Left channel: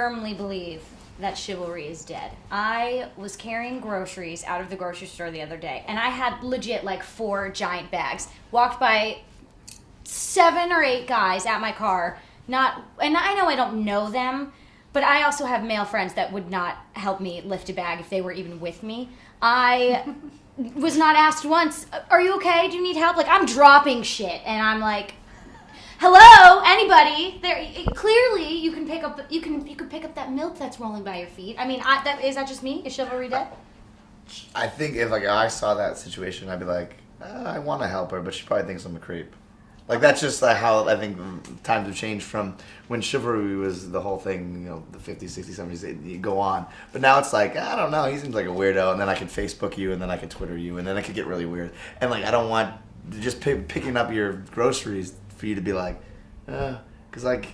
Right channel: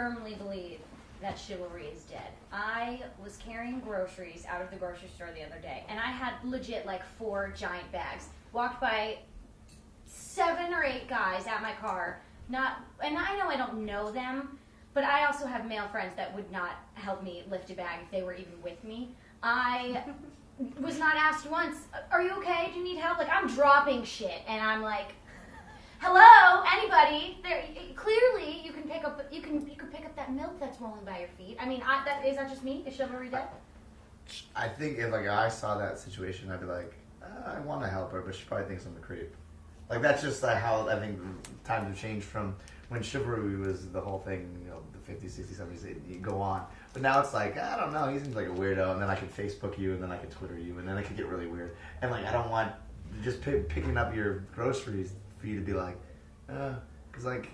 firmly believe that chivalry is dead. I was carrying groceries out of the grocery store the other day, and I had legit like 4 giant bags. Walked by 7 or 8 guys at my car. And I know I don't know them, but I also have male friends that would not help me lift a bag if they were even with me. I was not asked once, "Are you okay? Do you need help?" Like, I'm dropping shit, and I'm like, "Hello, anybody? There, clearly, you can pick up that milk that's rolling by your feet." I mean, is that just me? Is chivalry dead? I think if like I saw that situation, I'd be like, I want to help her, but she probably thinks I'm a creep. Like, that's just how I think times have changed from when chivalry was the whole thing, the 50s, 60s, 70s, you go on. But now it's like, I don't know, he seems like a weirdo, and then I can Facebook you, and then I can Twitter you, and then it could get really weird. And, like, I don't want just picking up your groceries for you to be like, because, like,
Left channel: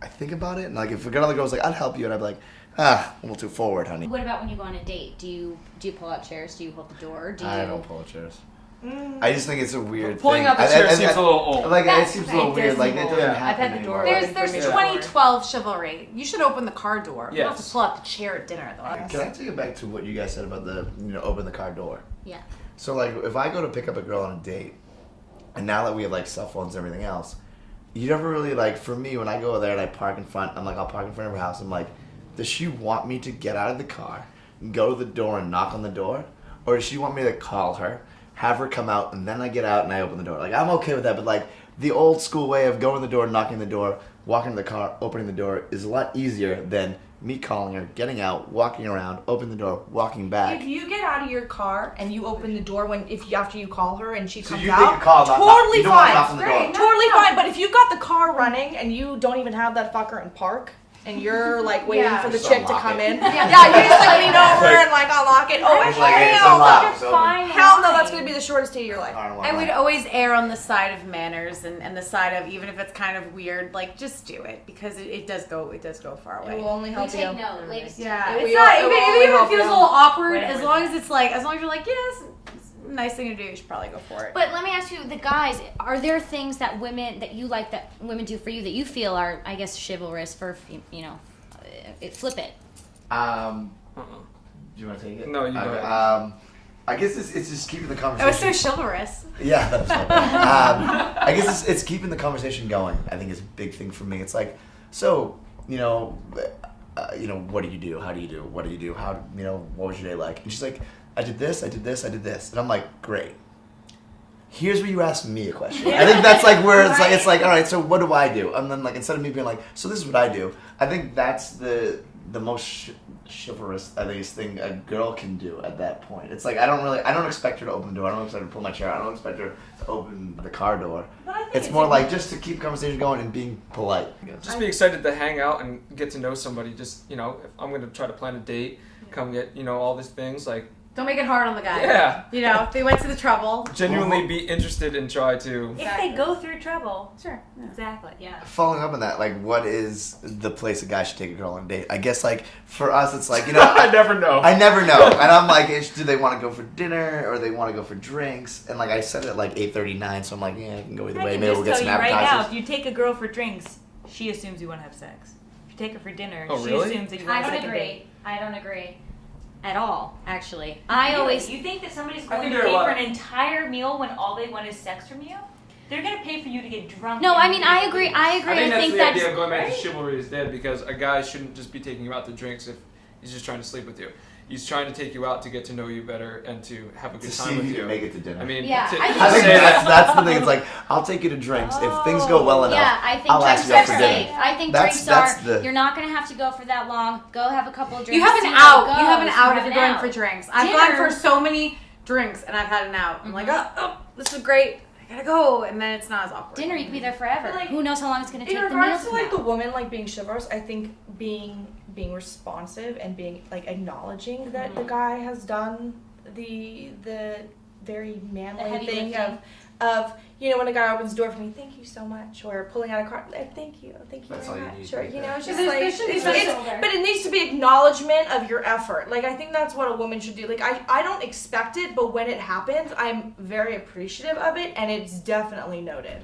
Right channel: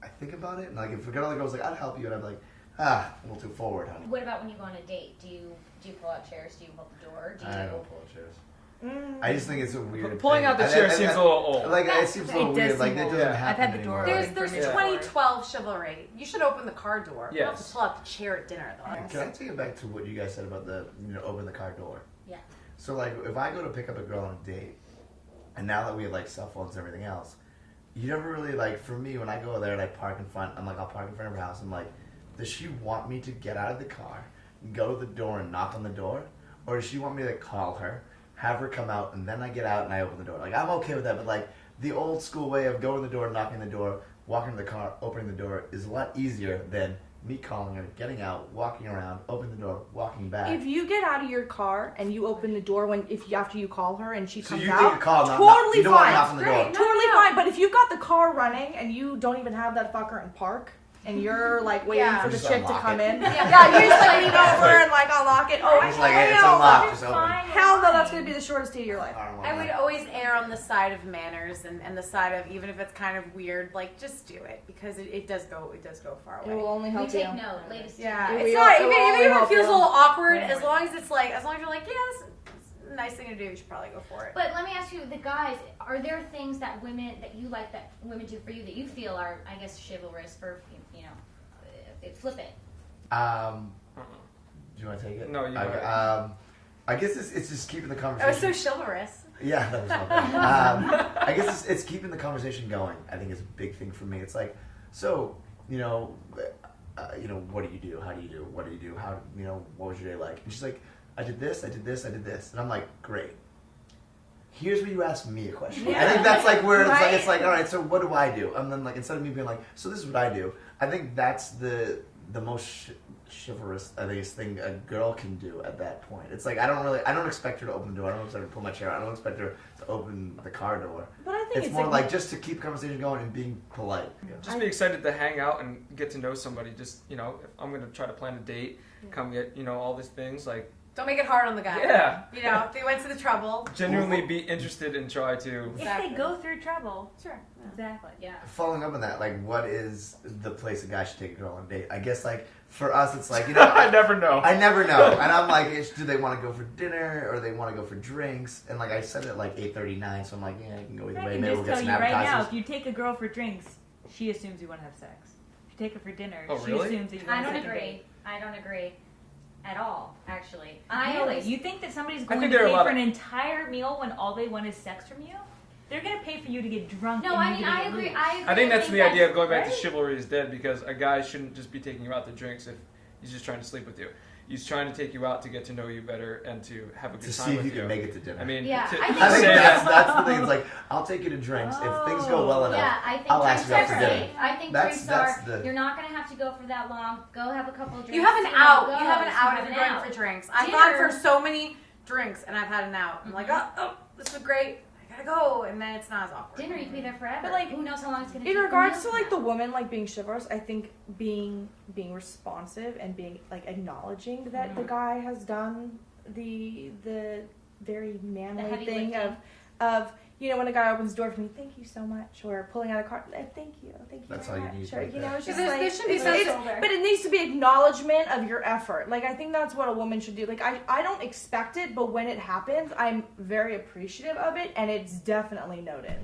I think about it, and, like, if a girl goes like, I'd help you, and I'd be like, a little too forward, honey. What about when you go on a date? Do you pull out chairs? Do you hold the door? I don't pull out chairs. I just think it's a weird Pulling thing. out the chair seems a little old. Like, it seems a little weird. Like, it doesn't happen I've had the door anymore. open. There's 2012 chivalry. You should open the car door. You don't have to Yes. pull out the chair at dinner, though. Can I take it back to what you guys said about the, open the car door? Yeah. So, like, if I go to pick up a girl on a date, and now that we have, like, cell phones and everything else, you never really, like, for me, when I go there and I park in front, I'll park in front of her house, I'm like, does she want me to get out of the car, go to the door and knock on the door? Or does she want me to call her, have her come out, and then I get out and I open the door? Like, I'm okay with that, but, like, the old school way of going to the door, knocking the door, walking to the car, opening the door is a lot easier than me calling her, getting out, walking around, opening the door, walking back. If you get out of your car and you open the door after you call her and she So comes you out, take a call, totally you don't want to fine. knock on the door. Totally fine. But if you got the car running and you don't even have that fucker in park, and you're like waiting for the Just chick to unlock come it. in, you just like lean over and like unlock it. Oh, It's like, it's unlocked. It's open. hell no, that's gonna be the shortest day of your life. I would always err on the side of manners and the side of, even if it's kind of weird, like, just do it, because it does go far away. It will only We help take you. note, ladies. Yeah, It it's will- not it will only even if help it feels you. a little awkward. Right. As long as you're like, yes, it's a nice thing to do, you should probably go for it. But let me ask you, the guys, are there things that you like that women do for you that you feel are, I guess, chivalrous for, flip it? Do you want to take it? No, you okay. go ahead. I guess it's just keeping the That conversation. was so chivalrous. Yeah, that was fun. I guess it's keeping the conversation going. I think it's a big thing for me. It's like, so, what do you do? How do you do? What do you do? How, what was your day like? And she's like, I did this, I did this, I did this. And I'm like, great. Here's where you ask me a question. I think that's like where it's like, all right, so what do I do? And then, like, instead of me being like, so this is what I do, I think that's the most chivalrous, I think, thing a girl can do at that point. It's like, I don't expect her to open the door. I don't expect her to pull my chair. I don't expect her to open the car door. But I think It's more like just to keep conversation going and being polite. Just be excited to hang out and get to know somebody. Just, if I'm going to try to plan a date, come get, all these things, like, Don't make it hard on the guy. Yeah. If they went to the trouble. genuinely be interested and try to. If they go through trouble. Sure. Exactly, yeah. Following up on that, like, what is the place a guy should take a girl on a date? I guess, like, for us, it's like, I never know. I never know. And I'm like, do they want to go for dinner or they want to go for drinks? And, like, I said it at, like, 8:39, so I'm like, yeah, I can go either I way. can Maybe just we'll get tell some you right now, appetizers. if you take a girl for drinks, she assumes you want to have sex. If you take her for dinner, Oh, she really? assumes that you I want to don't have agree. I don't agree at all, actually. Really? You think that somebody's going think to there are a pay lot for of- an entire meal when all they want is sex from you? They're going to pay for you to get drunk. No, and I you mean, get I to agree. leave. I agree. I think that's the idea of going back to right? chivalry is dead, because a guy shouldn't just be taking you out to drinks if he's just trying to sleep with you. He's trying to take you out to get to know you better and to have a good To time see if with you you. can make it to dinner. I mean, Yeah, to, I to think I think say that. that's the thing. It's like, I'll take you to drinks. If things go well enough, Yeah, I think I'll drinks ask you out are for dinner. safe. I think That's you're not going to have to go for that long. Go have a couple of drinks. You have an see out. how it You have an goes. out You if have you're an going out. for drinks. I've Dinner. gone for so many drinks and I've had an out. I'm like, oh, this is great. I gotta go, and then it's not as awkward. Dinner, you can be there forever. But, like, who knows how long it's going to take? In the regards meal to like come the woman like being chivalrous, I think being responsive and being like acknowledging that the guy has done the very manly heavy thing lifting. of when a guy opens the door for me, thank you so much, or pulling out a card, like, thank you That's very all you much, need or right there. it's just There like should be it's- some it's- shoulder. but it needs to be acknowledgement of your effort. Like, I think that's what a woman should do. Like, I don't expect it, but when it happens, I'm very appreciative of it, and it's definitely noted.